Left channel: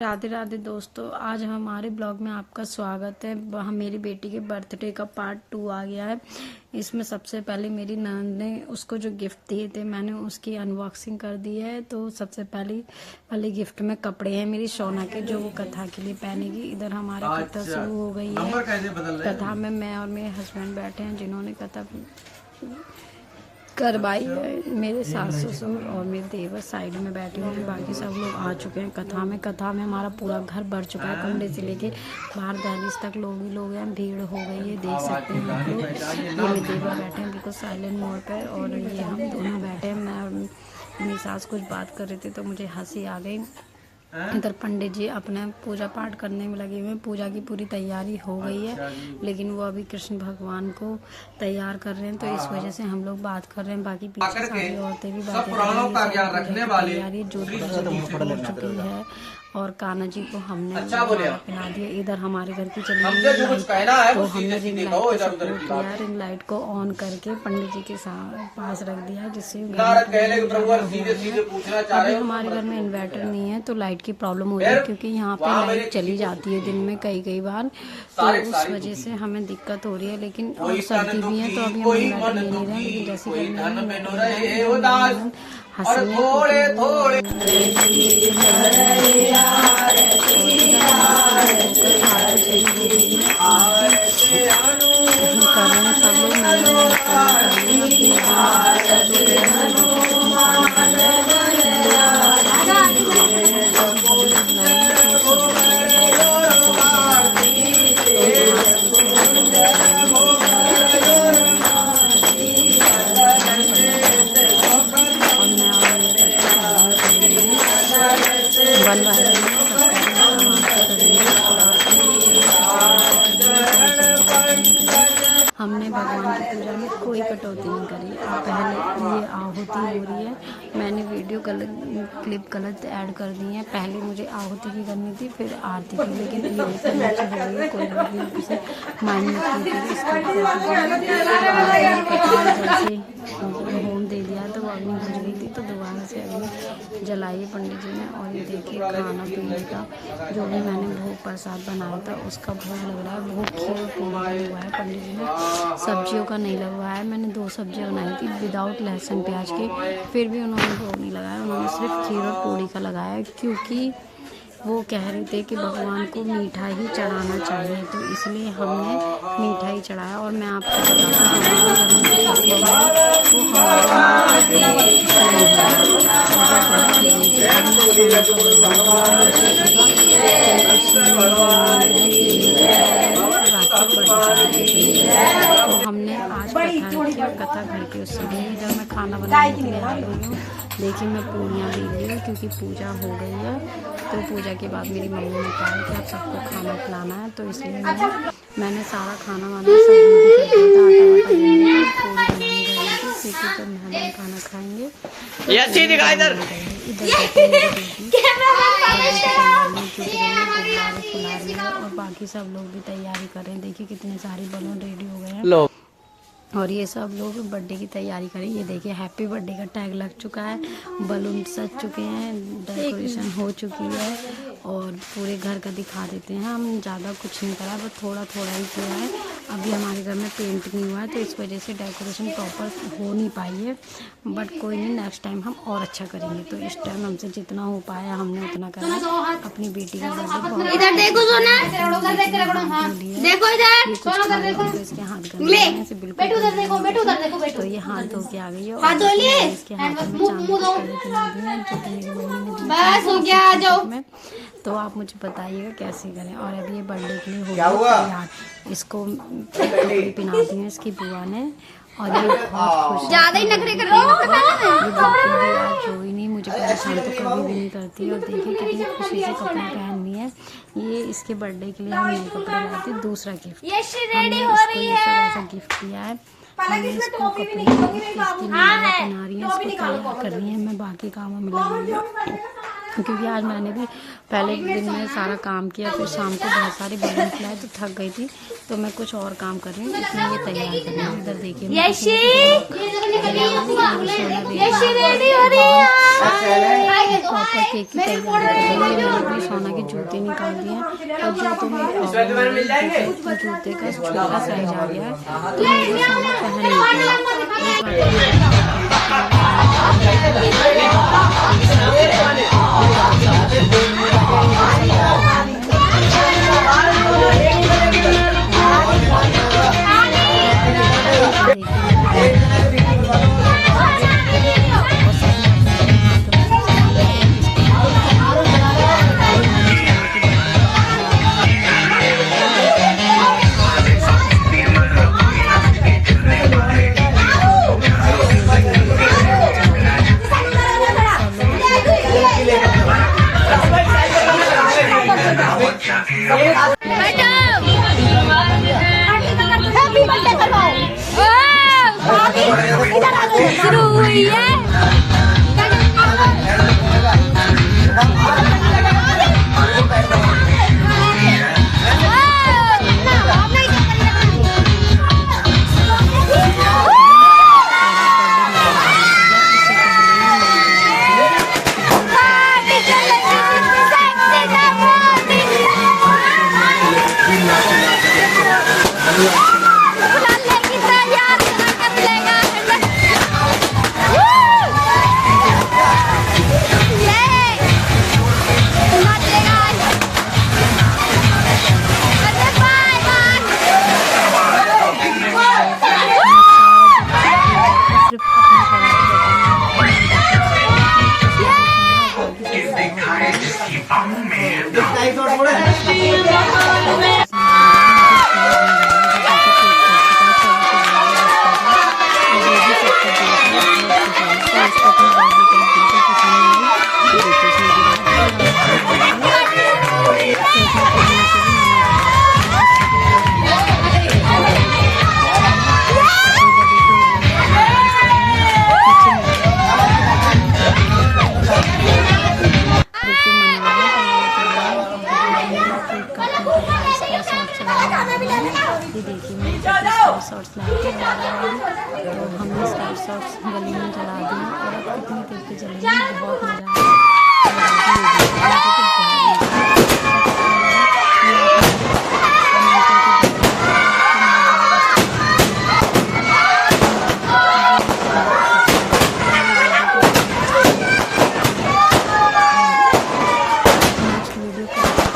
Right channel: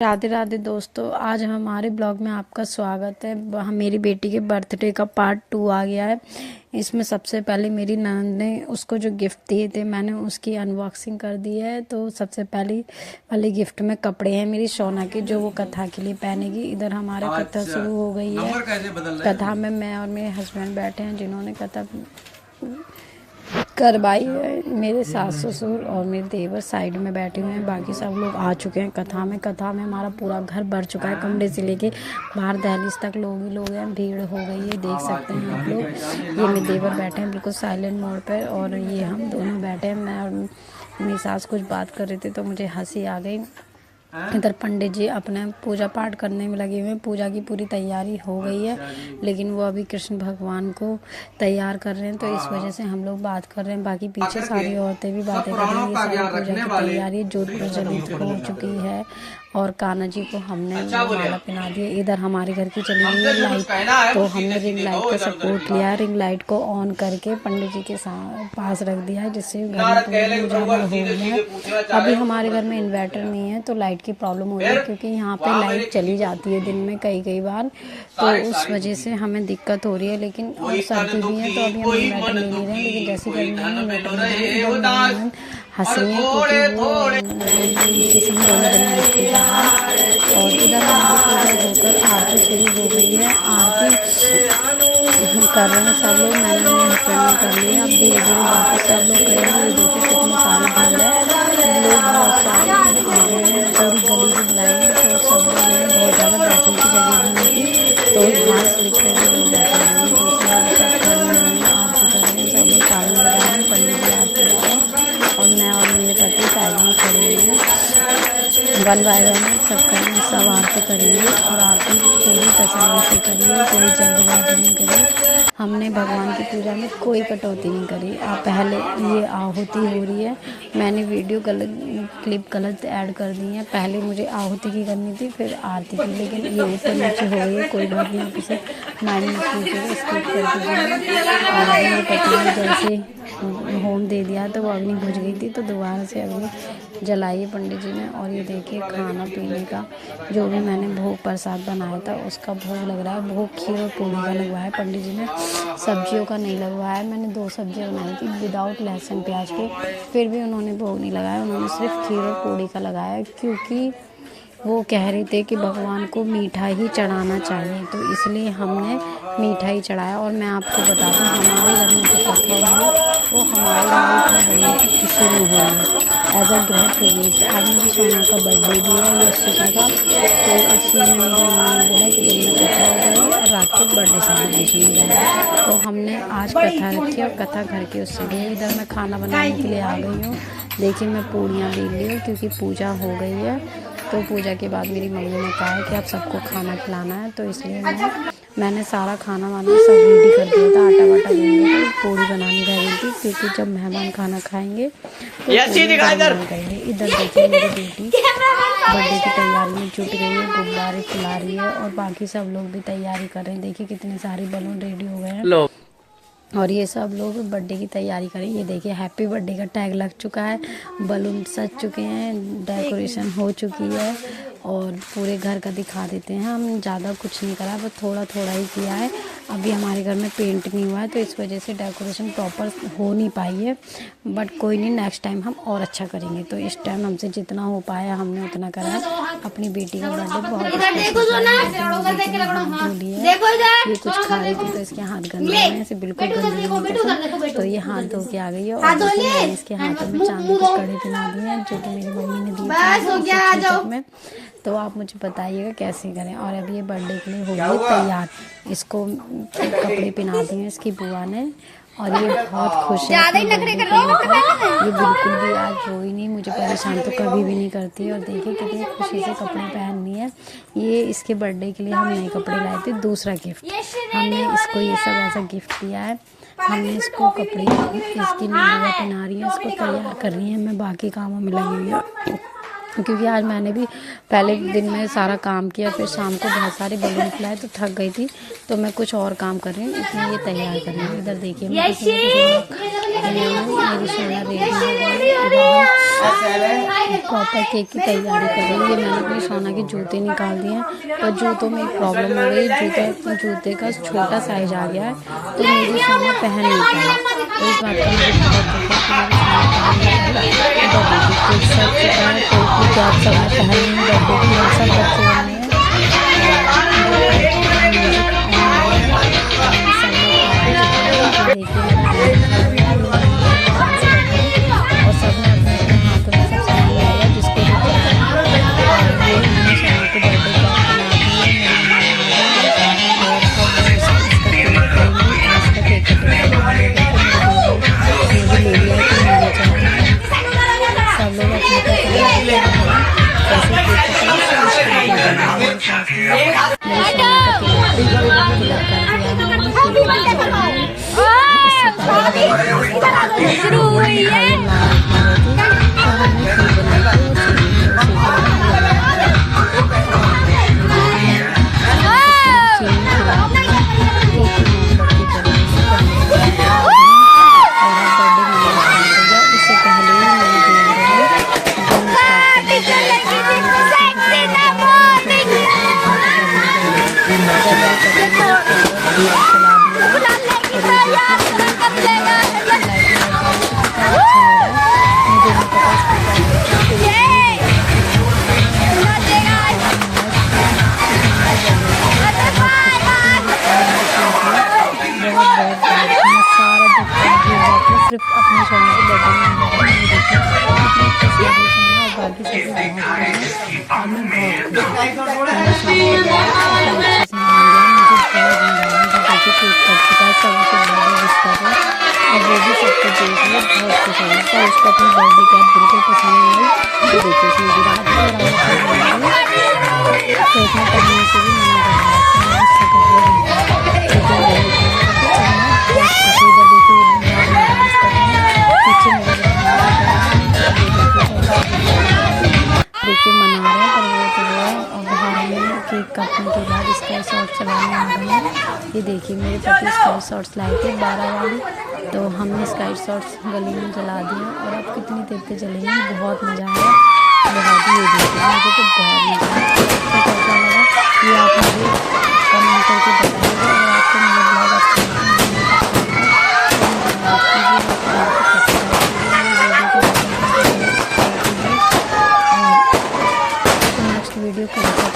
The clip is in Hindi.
राधे राधे दोस्तों, आज हमारे ब्लॉग में आपका स्वागत है। मेरी बेटी के बर्थडे का पार्ट 2 आ गया है। इसमें सबसे पहले मेरी ननद ने उसको जो गिफ्ट दिए थे, मैंने उसकी अनबॉक्सिंग कर दी है। तो सबसे पहले वाले गिफ्ट में कपड़े हैं मेरी सोना के, जो वो कथा के लिए पहनेगी। इधर हमारा कथा शुरू हो गई है। कथा में मैं और मेरे हस्बैंड बैठे हैं, जिन्होंने कथा करवाई है। मेरे सास ससुर और मेरे देवर साइड में बैठे हुए हैं, बाकी सब लोग आ चुके हैं कथा में हमारा पूरा घर भर चुका है, कमरे से लेके बाहर दहलीज तक लोग ही लोग हैं। भीड़ हो गई है, देख सकते हैं आप लोग। ये मेरे देवर बैठे हैं बिल्कुल साइलेंट मोड पर, और ये हम दोनों बैठे हैं। मैं और मेरी सास कुछ बात कर रहे थे तो मुझे हंसी आ गई। इधर पंडित जी अपने पूजा पाठ करने में लगे हुए हैं। पूजा की पूरी तैयारी हो गई है, लेकिन वो अभी कृष्ण भगवान को तैयार कर रहे हैं, तो इस वजह से हम लोग बात कर रहे हैं। बाकी पीछे सारी औरतें भी बातें कर रही हैं। सारी पूजा की तैयारी जोत प्रज्वलित हो चुकी है, और कान्हा जी को हमने माला पहना दिया। इधर हमारे घर की चली गई लाइट, तो हमने रिंग लाइट को सपोर्ट किया। रिंग लाइट को ऑन करके पंडित जी के पास रख दिया है, जिससे घर में उजाला हो गया। अभी हमारे घर में इन्वर्टर नहीं है, तो लाइट की प्रॉब्लम हो रही है, क्योंकि यहाँ पे लाइट चली जाती है दिन में कई बार, तो उस वजह से हमें दिक्कत हो रही है। लेकिन और सर्दी भी है, तो अभी हम इन्वर्टर ले नहीं रहे हैं। लेकिन जैसे गर्मी हंसी और इधर हमारी होकर आरती शुरू हो गई है। आरती कर रहे हैं सब लोग, मैंने कर लिया। अब धीरे धीरे बाकी सब लोग करेंगे। देखिए कितनी सारी भीड़ है, लोग बहुत सारे आ गए हैं। और जल्दी बुलाएंगे तो सब लोग बहुत ज़्यादा बैठने की जगह नहीं थी, तो घास लिखते हुए लोग बैठे और मैं और मेरे पति साइड में खड़े हुए हैं। वन बाय वन सब आरती करेंगे, और आरती पूरी तसल्ली से करेंगे, कोई जल्दबाजी नहीं करें। हमने भगवान की पूजा में कोई कटौती नहीं करी। पहले ये आहुति हो रही है, मैंने वीडियो क्लिप गलत ऐड कर दी है। पहले मुझे आहुति की करनी थी, फिर आरती की, लेकिन ये ऊपर नीचे हो गई है। कोई बात नहीं, किसी माइंड में कीजिएगा, स्किप कर दीजिएगा। जैसे होम दे दिया तो वो अग्नि बुझ गई थी, तो दोबारा से अग्नि जलाई है पंडित जी ने। और ये देखिए खाना पीने का जो भी मैंने भोग प्रसाद बनाया था, उसका भोग लग रहा है। भोग खीर और पूरी का लगवाया है पंडित जी ने, सब्जियों का नहीं लगवाया है। मैंने 2 सब्जियां बनाई थी विदाउट लहसुन प्याज के, फिर भी उन्होंने भोग नहीं लगाया। उन्होंने सिर्फ खीर और पूरी का लगाया, क्योंकि वो कह रहे थे कि भगवान को मीठा ही चढ़ाना चाहिए, तो इसलिए हमने मीठा ही चढ़ाया। और मैं आपको बता दूँ, हमारे घर में जो पकवान है वो हमारे लिए खुशी नहीं हो रहा है। अगर बहुत तेजी से अब मुझे सोना का बर्थडे दिया है सोचा था, तो उसमें रात को बर्थडे सेलिब्रेशन, तो हमने आज कथा रखी और कथा घर के उससे गई। इधर मैं खाना बनाने के लिए आ गई हूँ। देखिए मैं पूड़ियाँ बेल रही हूँ, क्योंकि पूजा हो गई है। तो पूजा के बाद मेरी मम्मी ने कहा है कि आप सबको खाना खिलाना है, तो इसलिए मैंने सारा खाना वाना सब रेडी कर दिया था। आटा वाटा गूंद के पूड़ी बनानी रह गई थी, क्योंकि जब मेहमान खाना खाएंगे तो इधर देखिए मेरी बेटी बर्थडे की तैयारी में जुट गई है, गुब्बारे खिला रही है, और बाकी सब लोग भी तैयारी कर रहे हैं। देखिए कितने सारे बलून रेडी हो गए हैं, और ये सब लोग बर्थडे की तैयारी करें। ये देखिए हैप्पी बर्थडे का टैग लग चुका है, बलून सज चुके हैं, डेकोरेशन हो चुकी है, और पूरे घर का दिखा देते हैं। हम ज़्यादा कुछ नहीं करा, बस थोड़ा थोड़ा ही किया है। अभी हमारे घर में पेंट नहीं हुआ है, तो इस वजह से डेकोरेशन प्रॉपर हो नहीं पाई है, बट कोई नहीं, नेक्स्ट टाइम हम और अच्छा करेंगे। तो इस टाइम हमसे जितना हो पाया हमने उतना करा। अपनी बेटी का बर्थडे बहुत ये कुछ खा रही थी, तो इसके हाथ गंदे हैं, ऐसे बिल्कुल तो ये हाथ धो के आ गई है। और इसके हाथों में चांदी की कड़ी पहना दी है, जो मेरी मम्मी ने दी। तो आप मुझे बताइएगा कैसे करें। और अब ये बर्थडे के लिए हो गई तैयार, इसको कपड़े पहना दिए इसकी बुआ ने, और ये बहुत खुश है। ज़्यादा ही नखरे कर रही है, ये बिल्कुल भी आज रोई नहीं, मुझे परेशान तो कभी भी नहीं करती। और देखिए कितनी खुशी से कपड़े पहननी है। ये इसके बर्थडे के लिए हम नए कपड़े लाए थे। दूसरा गिफ्ट हमने इसको ये सब ऐसा गिफ्ट दिया है। हमने इसको कपड़े इसकी नई पहना रही है, इसको तैयार कर रही है, मैं बाकी कामों में लगी हुई हूँ। क्योंकि आज मैंने भी पहले दिन में सारा काम किया, फिर शाम को बहुत सारे बलून खिलाए तो थक गई थी, तो मैं कुछ और काम कर रही हूँ, इसमें ये तैयार कर रही हूँ। इधर देखिए प्रॉपर केक की तैयारी कर रही हूँ। मैंने अपने सोना के जूते निकाल दिए हैं, और जूतों में प्रॉब्लम हो गई, जूते का छोटा साइज आ गया है, तो मेरी सोना पहन नहीं पाई। इस ये देखिए मेरे पति स्काई शॉट्स लाए थे 12 वाली, तो हमने स्काई शॉट्स गले में जला दिए, और अब कितनी देर के जलेंगे, बहुत मज़ा आया। ये देखिए मुझे तो बहुत मज़ा आया। कैसा लगा ये आप मुझे कमेंट करके बताइएगा, और आपको मेरा ब्लॉग अच्छा नेक्स्ट वीडियो को सबसे